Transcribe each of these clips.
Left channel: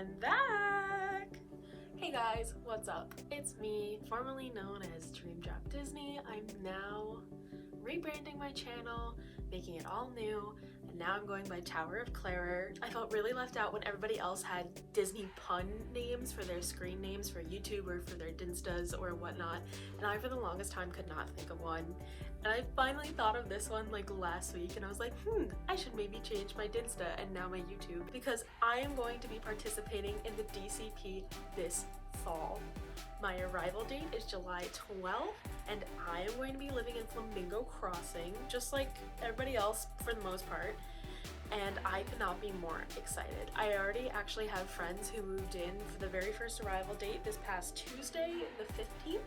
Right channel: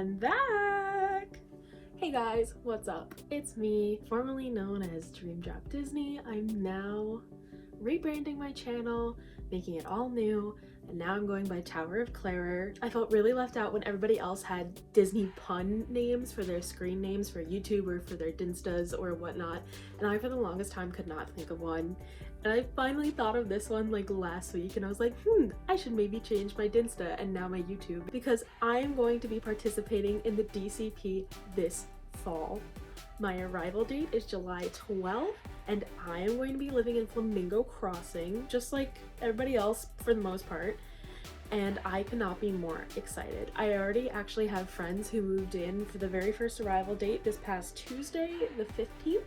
I'm back! Hey guys, what's up? It's me, formerly known as Dream Drop Disney. I'm now rebranding my channel, making it all new, and now I'm going by Tower of Clarer. I felt really left out when everybody else had Disney pun names for their screen names for YouTube or for their Dinstas or whatnot, and I for the longest time could not think of one. And I finally thought of this one like last week, and I was like, I should maybe change my Dinsta and now my YouTube, because I am going to be participating in the DCP this fall. My arrival date is July 12th, and I am going to be living in Flamingo Crossing, just like everybody else for the most part, and I cannot be more excited. I already actually have friends who moved in for the very first arrival date this past Tuesday, the 15th,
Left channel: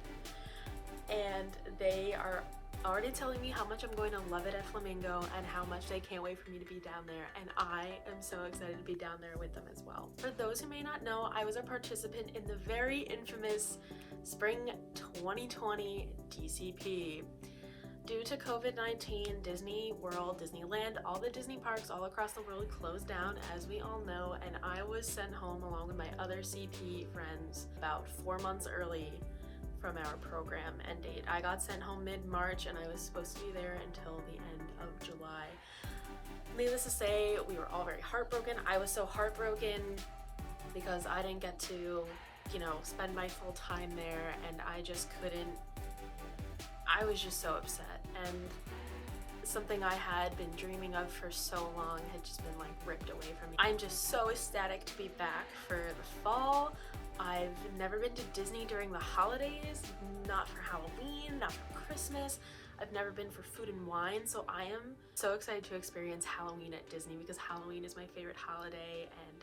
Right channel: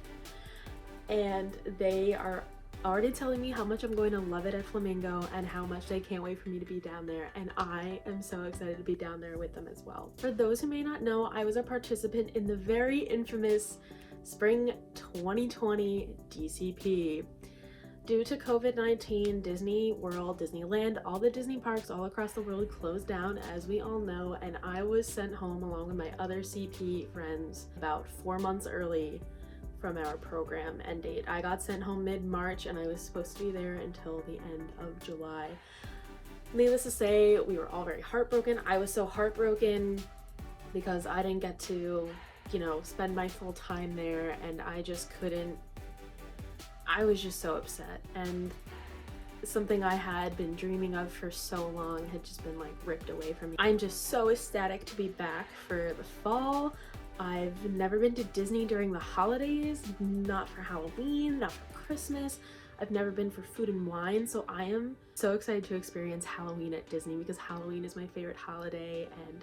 and they are already telling me how much I'm going to love it at Flamingo and how much they can't wait for me to be down there, and I am so excited to be down there with them as well. For those who may not know, I was a participant in the very infamous Spring 2020 DCP. Due to COVID-19, Disney World, Disneyland, all the Disney parks all across the world closed down, as we all know, and I was sent home along with my other CP friends about 4 months early from our program end date. I got sent home mid-March and I was supposed to be there until the end of July. Needless to say, we were all very heartbroken. I was so heartbroken because I didn't get to, spend my full time there, and I just couldn't. I was just so upset, and something I had been dreaming of for so long had just been like ripped away from me. I'm just so ecstatic to be back for the fall. I've never been to Disney during the holidays, not for Halloween, not for Christmas. I've never been for food and wine, so I am so excited to experience Halloween at Disney because Halloween is my favorite holiday, and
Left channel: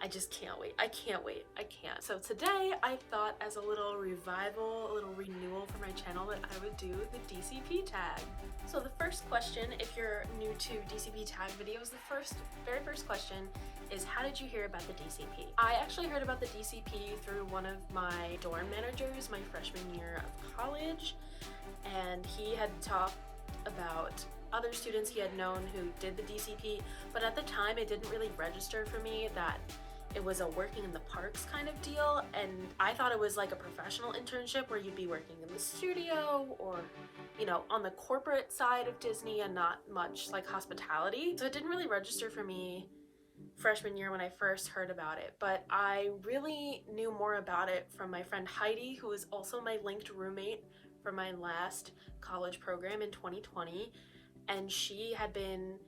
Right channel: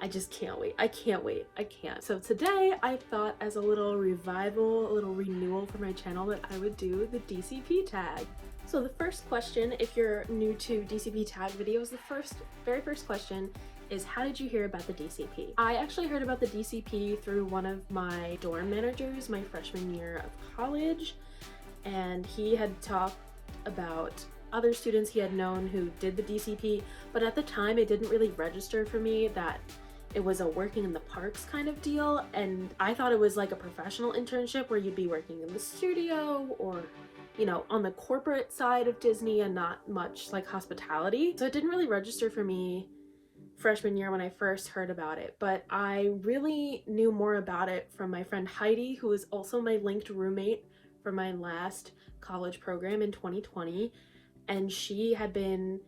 I just can't wait. I can't wait. I can't. So today I thought, as a little revival, a little renewal for my channel, that I would do the DCP tag. So the first question, if you're new to DCP tag videos, the very first question is, how did you hear about the DCP? I actually heard about the DCP through one of my dorm managers my freshman year of college, and he had talked about other students he had known who did the DCP, but at the time it didn't really register for me that it was a working in the parks kind of deal, and I thought it was like a professional internship where you'd be working in the studio or, on the corporate side of Disney and not much like hospitality. So it didn't really register for me freshman year when I first heard about it, but I really knew more about it from my friend Heidi, who was also my linked roommate for my last college program in 2020, and she had been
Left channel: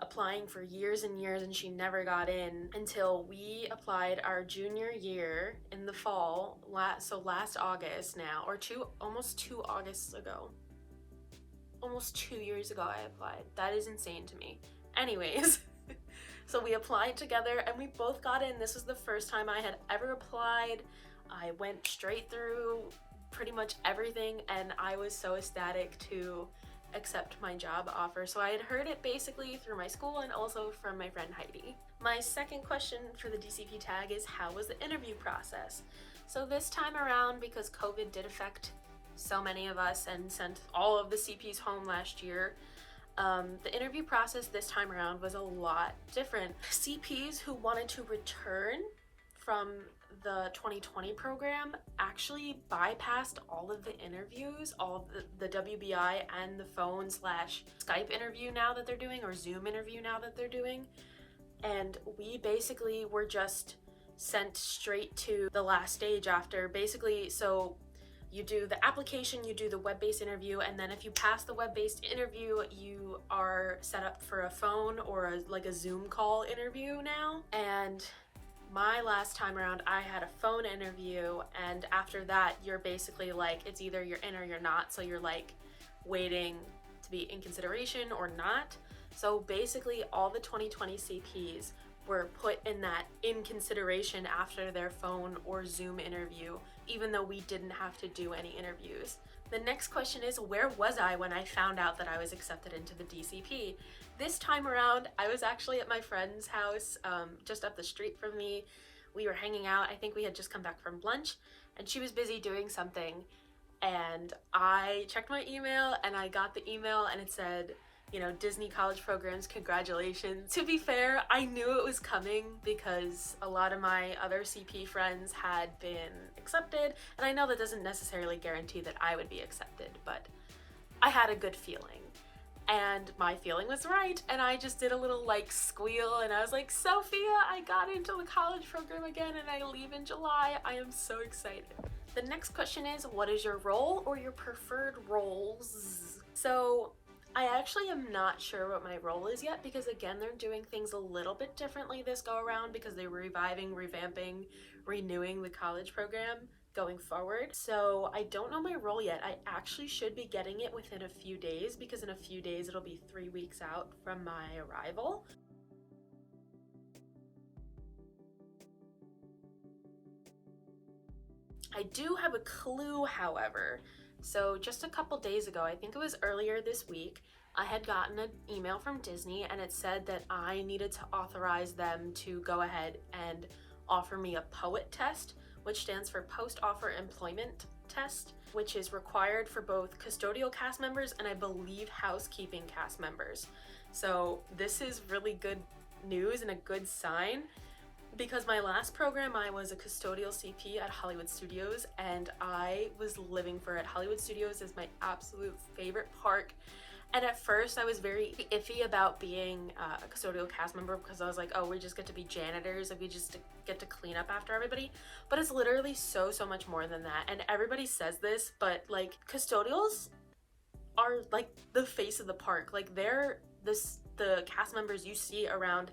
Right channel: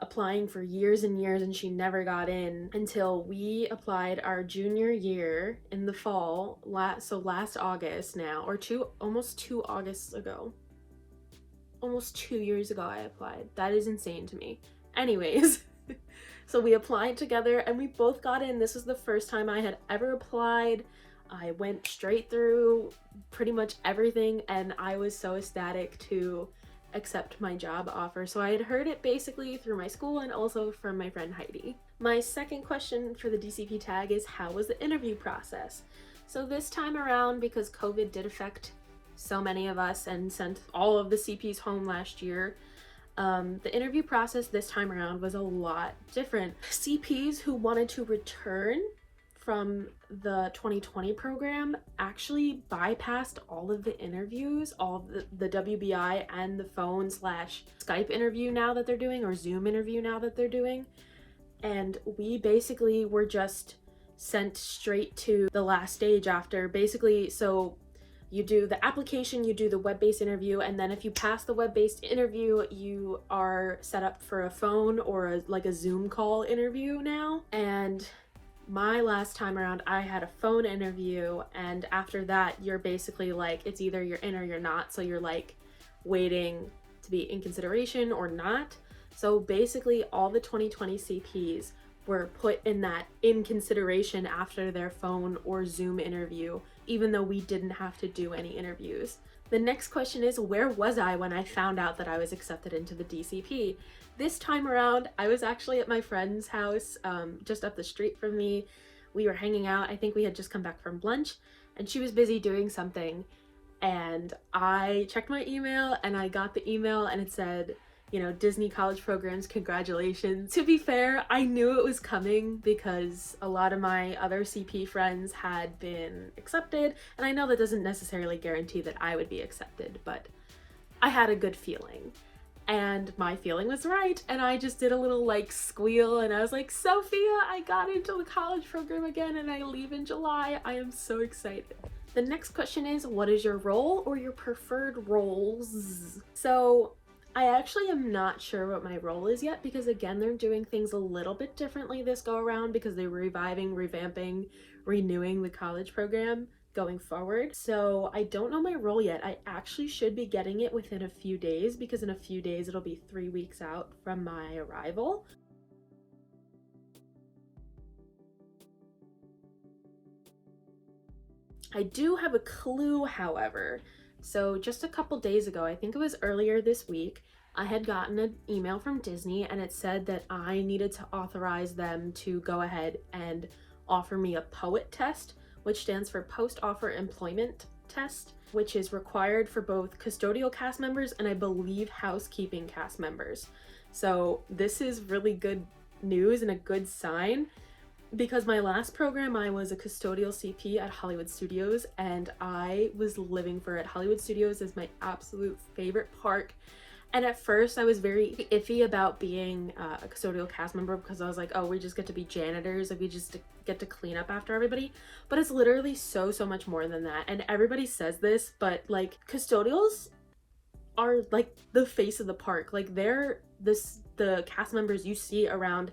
applying for years and years and she never got in until we applied our junior year in the fall, so last August now, or almost 2 Augusts ago. Almost 2 years ago I applied. That is insane to me. Anyways, so we applied together and we both got in. This was the first time I had ever applied. I went straight through pretty much everything, and I was so ecstatic to accept my job offer. So I had heard it basically through my school and also from my friend Heidi. My second question for the DCP tag is, how was the interview process? So this time around, because COVID did affect so many of us and sent all of the CPs home last year, the interview process this time around was a lot different. CPs who wanted to return from the 2020 program actually bypassed all of the interviews, all the WBI and the phone/Skype interview now that they're doing, or Zoom interview now that they're doing. And we basically were just sent straight to the last stage after. Basically, so you do the application, you do the web-based interview, and then if you pass the web-based interview, you are set up for a phone or like a Zoom call interview now. And my last time around, I had a phone interview, and after that, you're basically like, it's either you're in or you're not. So you're like waiting to be in consideration or not. So basically all the 2020 CPs were put in that in consideration after their phone or Zoom interview, even though we didn't have to do any interviews. The next question is, where was I when I found out that I was accepted into the DCP? This time around, I was actually at my friend's house, just up the street from me. We were hanging out. I think we had just come back from lunch, and she was busy doing something. And I checked my email, and I got the email, and it said, you know, Disney college programs, congratulations. To be fair, I knew it was coming because a lot of my other CP friends had been accepted, and I know that doesn't necessarily guarantee that I would be accepted, but I had a good feeling. And my feeling was right, and I just did a little like squeal, and I was like, Sophia, I got into the college program again, and I leave in July. I am so excited. The next question is, what is your role or your preferred roles? So I actually am not sure what my role is yet, because again, they're doing things a little bit differently this go around because they're reviving, revamping, renewing the college program going forward. So I don't know my role yet. I actually should be getting it within a few days, because in a few days it'll be 3 weeks out from my arrival. I do have a clue, however. So just a couple days ago, I think it was earlier this week, I had gotten an email from Disney, and it said that I needed to authorize them to go ahead and offer me a POET test, which stands for Post-Offer Employment Test, which is required for both custodial cast members and I believe housekeeping cast members. So this is really good news and a good sign, because my last program, I was a custodial CP at Hollywood Studios, and I was living for it. Hollywood Studios is my absolute favorite park. And at first I was very iffy about being a custodial cast member, because I was like, oh, we just get to be janitors, like we just get to clean up after everybody. But it's literally so much more than that. And everybody says this, but like custodials are like the face of the park. Like they're the cast members you see around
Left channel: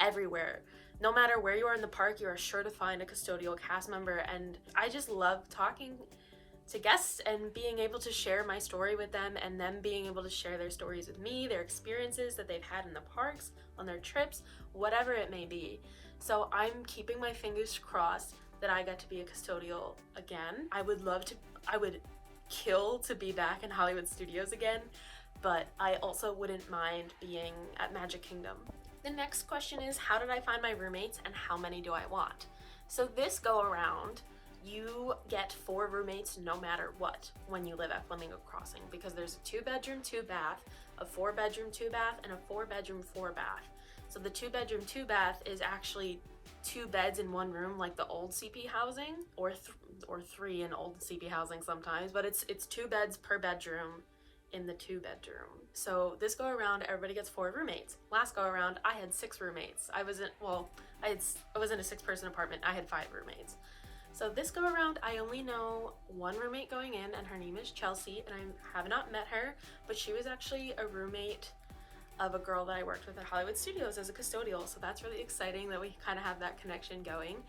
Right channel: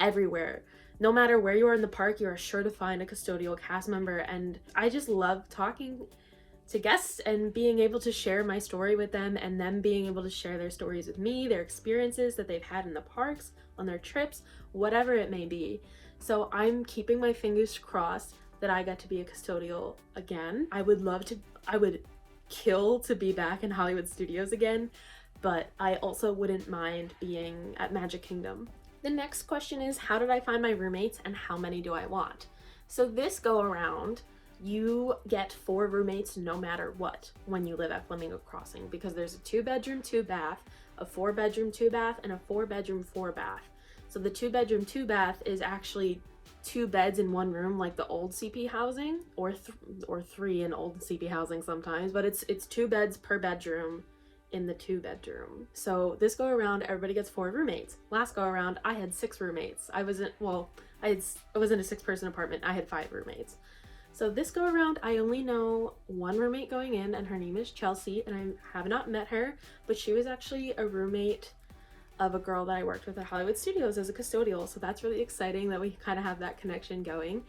everywhere. No matter where you are in the park, you are sure to find a custodial cast member, and I just love talking to guests and being able to share my story with them, and them being able to share their stories with me, their experiences that they've had in the parks, on their trips, whatever it may be. So I'm keeping my fingers crossed that I get to be a custodial again. I would kill to be back in Hollywood Studios again, but I also wouldn't mind being at Magic Kingdom. The next question is, how did I find my roommates and how many do I want? So this go around, you get 4 roommates no matter what when you live at Flamingo Crossing, because there's a 2-bedroom, 2-bath, a 4-bedroom, 2-bath, and a 4-bedroom, 4-bath. So the 2-bedroom, 2-bath is actually 2 beds in 1 room, like the old CP housing, or 3 in old CP housing sometimes, but it's 2 beds per bedroom in the 2-bedroom. So this go around, everybody gets 4 roommates. Last go around, I had 6 roommates. I was in a 6-person apartment. I had 5 roommates. So this go around, I only know 1 roommate going in, and her name is Chelsea, and I have not met her, but she was actually a roommate of a girl that I worked with at Hollywood Studios as a custodial. So that's really exciting that we kind of have that connection going.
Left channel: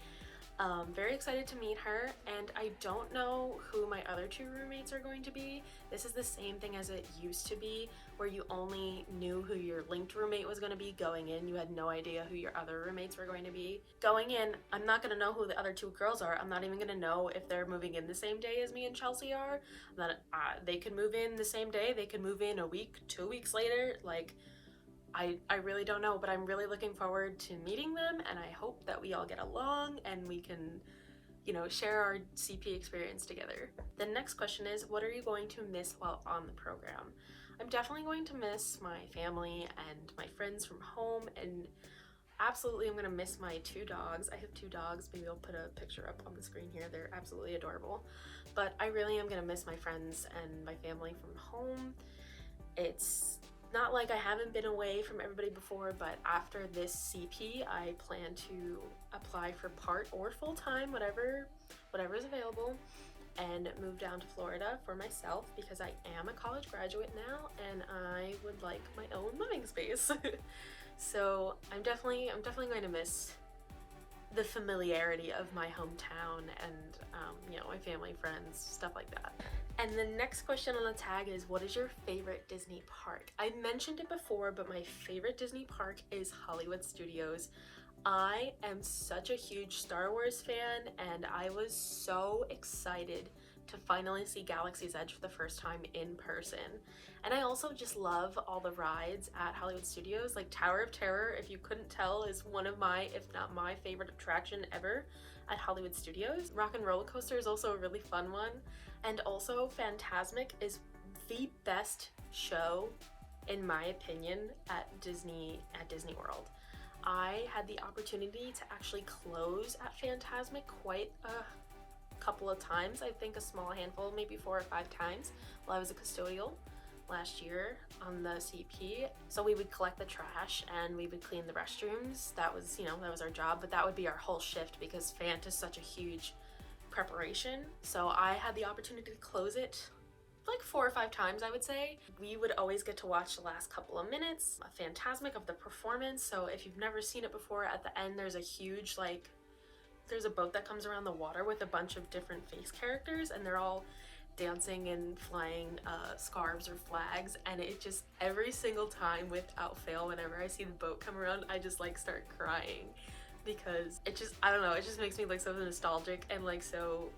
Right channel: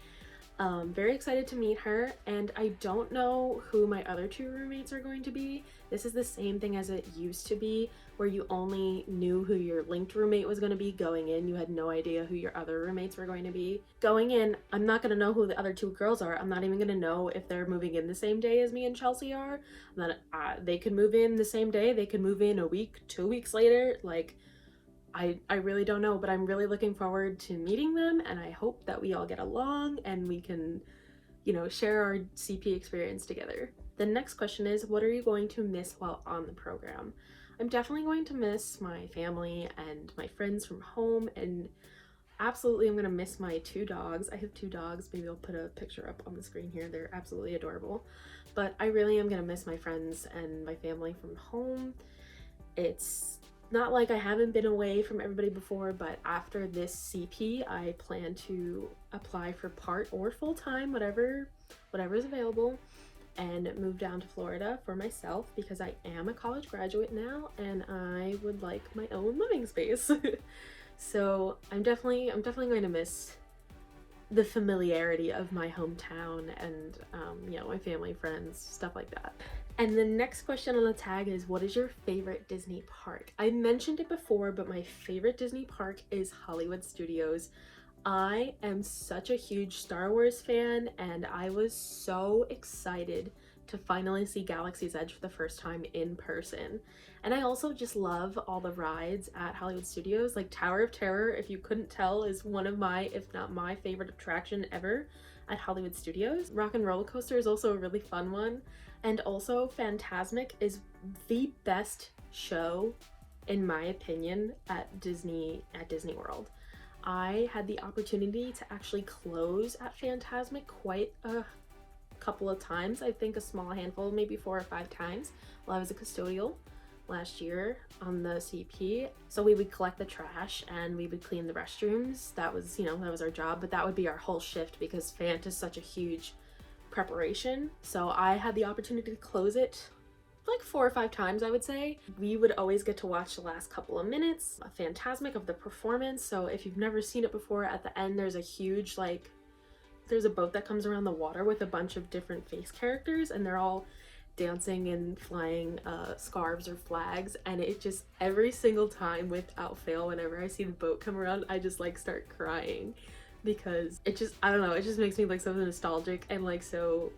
Very excited to meet her, and I don't know who my other 2 roommates are going to be. This is the same thing as it used to be, where you only knew who your linked roommate was going to be going in. You had no idea who your other roommates were going to be. Going in, I'm not going to know who the other 2 girls are. I'm not even going to know if they're moving in the same day as me and Chelsea are. Then they could move in the same day. They could move in a week, 2 weeks later. Like, I really don't know, but I'm really looking forward to meeting them, and I hope that we all get along and we can, you know, share our CP experience together. The next question is, what are you going to miss while on the program? I'm definitely going to miss my family and my friends from home, and absolutely I'm going to miss my 2 dogs. I have 2 dogs. Maybe I'll put a picture up on the screen here. They're absolutely adorable. But I really am going to miss my friends and my family from home. It's not like I haven't been away from everybody before, but after this CP, I plan to apply for part or full-time, whatever is available, and move down to Florida for myself, because I am a college graduate now and I would like my own living space. So I'm definitely going to miss the familiarity of my hometown and you know, my family, friends, stuff like that. And the next question on the tag is, what is your favorite Disney park? I mentioned it before, but my favorite Disney park is Hollywood Studios. I am such a huge Star Wars fan, and I was so excited to finally see Galaxy's Edge for the first time in person. And I also just love all the rides at Hollywood Studios. Like Tower of Terror, if you couldn't tell, is one of my, if not my favorite attraction ever at Hollywood Studios. Rock and Roller Coaster is also a really fun one. And also Fantasmic is the best show in my opinion, at Disney World. I had the opportunity to actually close at Fantasmic quite a couple of times. I think a small handful, maybe 4 or 5 times while I was a custodial last year on the CP. So we would collect the trash and we would clean the restrooms. That was, that was our job, but that would be our whole shift because Fant is such a huge preparation. So I had the opportunity to close it like 4 or 5 times, I would say. We would always get to watch the last couple of minutes, a Fantasmic of the performance. So if you've never seen it before, at the end there's a huge, there's a boat that comes around the water with a bunch of different face characters, and they're all dancing and flying scarves or flags, and it just, every single time without fail, whenever I see the boat come around, I just start crying, because it just, I don't know, it just makes me so nostalgic and so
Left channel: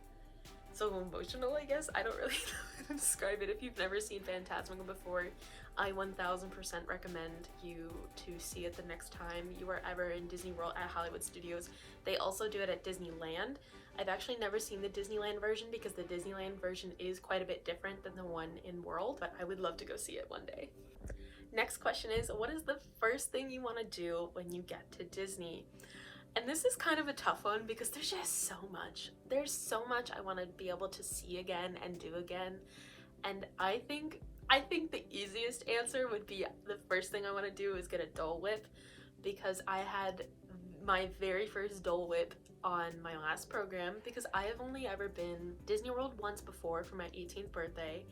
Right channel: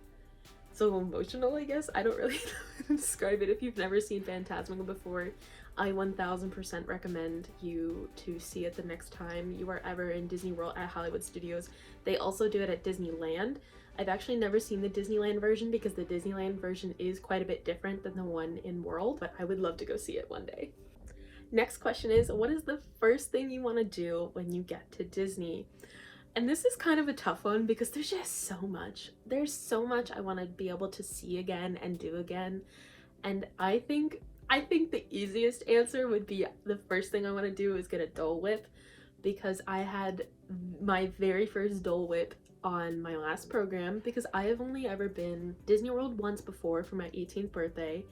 emotional, I guess. I don't really know how to describe it. If you've never seen Fantasmic before, I 1000% recommend you to see it the next time you are ever in Disney World at Hollywood Studios. They also do it at Disneyland. I've actually never seen the Disneyland version because the Disneyland version is quite a bit different than the one in World, but I would love to go see it one day. Next question is, what is the first thing you want to do when you get to Disney? And this is kind of a tough one because there's just so much. There's so much I want to be able to see again and do again. And I think the easiest answer would be the first thing I want to do is get a Dole Whip, because I had my very first Dole Whip on my last program, because I have only ever been Disney World once before for my 18th birthday,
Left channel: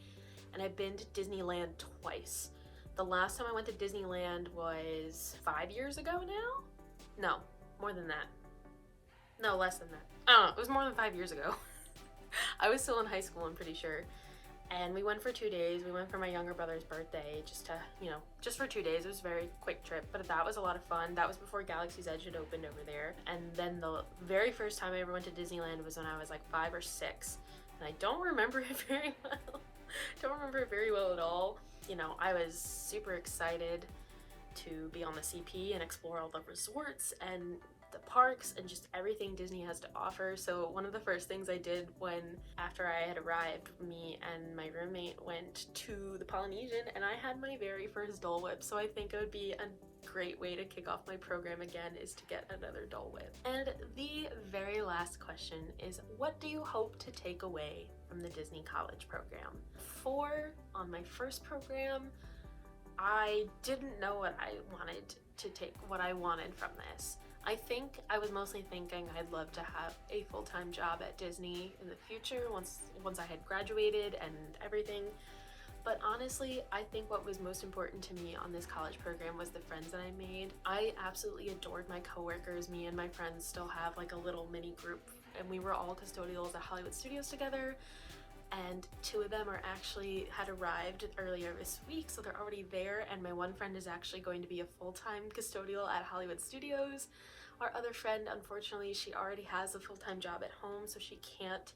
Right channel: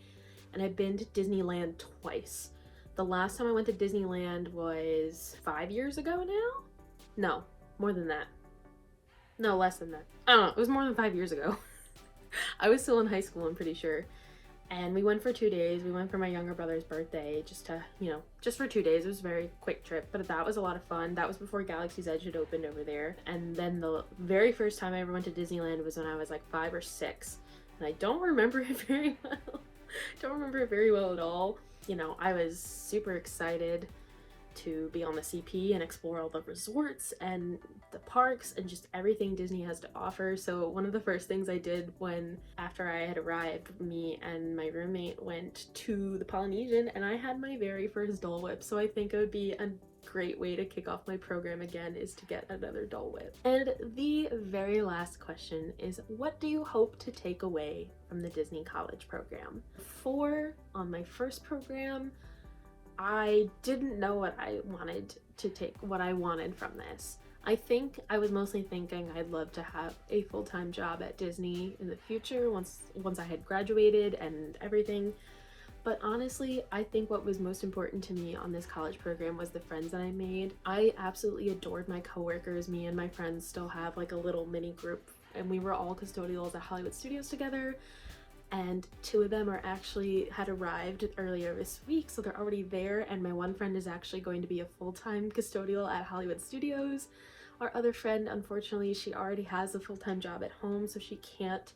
and I've been to Disneyland twice. The last time I went to Disneyland was 5 years ago now? No, more than that. No, less than that. I don't know, it was more than 5 years ago. I was still in high school, I'm pretty sure. And we went for 2 days. We went for my younger brother's birthday, just to, just for 2 days. It was a very quick trip, but that was a lot of fun. That was before Galaxy's Edge had opened over there. And then the very first time I ever went to Disneyland was when I was 5 or 6. And I don't remember it very well. Don't remember it very well at all. I was super excited to be on the CP and explore all the resorts and the parks and just everything Disney has to offer. So one of the first things I did after I had arrived, me and my roommate went to the Polynesian, and I had my very first Dole Whip. So I think it would be a great way to kick off my program again is to get another Dole Whip. And the very last question is, what do you hope to take away from the Disney College program? On my first program, I didn't know what I wanted from this. I think I was mostly thinking I'd love to have a full-time job at Disney in the future once I had graduated and everything. But honestly, I think what was most important to me on this college program was the friends that I made. I absolutely adored my coworkers. Me and my friends still have a little mini group, and we were all custodials at Hollywood Studios together. And 2 of them had arrived earlier this week, so they're already there, and my one friend is actually going to be a full-time custodial at Hollywood Studios. Our other friend, unfortunately, she already has a full-time job at home, so she can't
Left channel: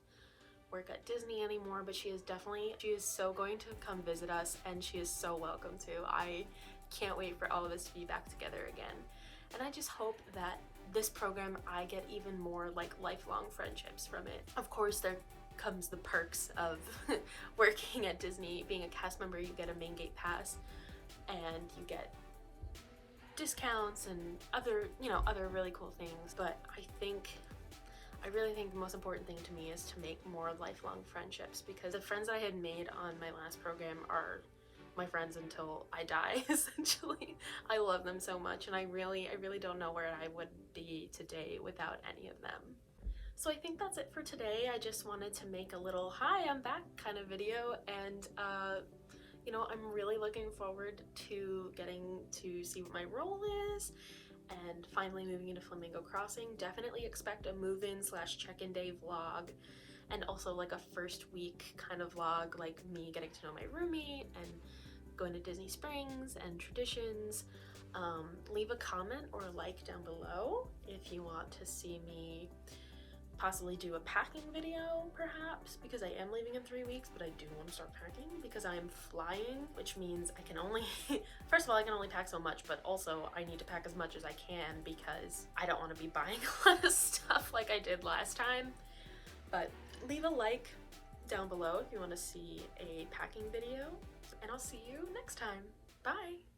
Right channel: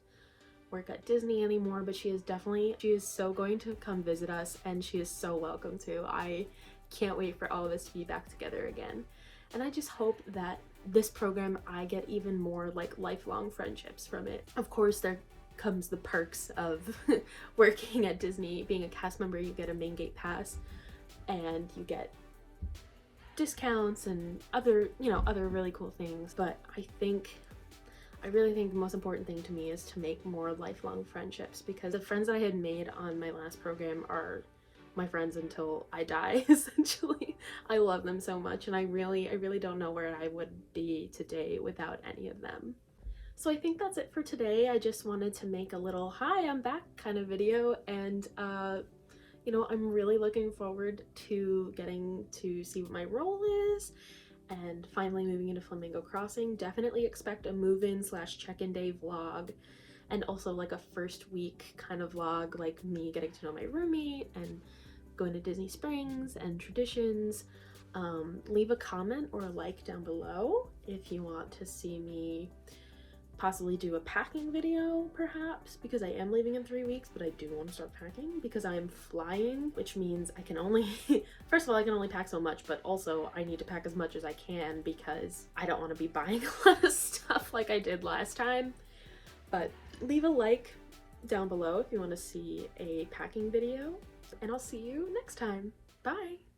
work at Disney anymore, but she is so going to come visit us, and she is so welcome to. I can't wait for all of us to be back together again. And I just hope that this program, I get even more lifelong friendships from it. Of course, there comes the perks of working at Disney. Being a cast member, you get a main gate pass and you get discounts and other really cool things. But I really think the most important thing to me is to make more lifelong friendships, because the friends I had made on my last program are my friends until I die, essentially. I love them so much, and I really don't know where I would be today without any of them. So I think that's it for today. I just wanted to make a little hi, I'm back kind of video, and I'm really looking forward to getting to see what my role is and finally moving into Flamingo Crossing. Definitely expect a move-in / check-in day vlog, and also a first week kind of vlog, me getting to know my roommate and going to Disney Springs and traditions. Leave a comment or a like down below if you want to see me possibly do a packing video, perhaps, because I am leaving in 3 weeks, but I do want to start packing because I'm flying, which means I can only first of all, I can only pack so much, but also I need to pack as much as I can because I don't want to be buying a lot of stuff like I did last time. But leave a like down below if you want to see a packing video, and I'll see you next time. Bye!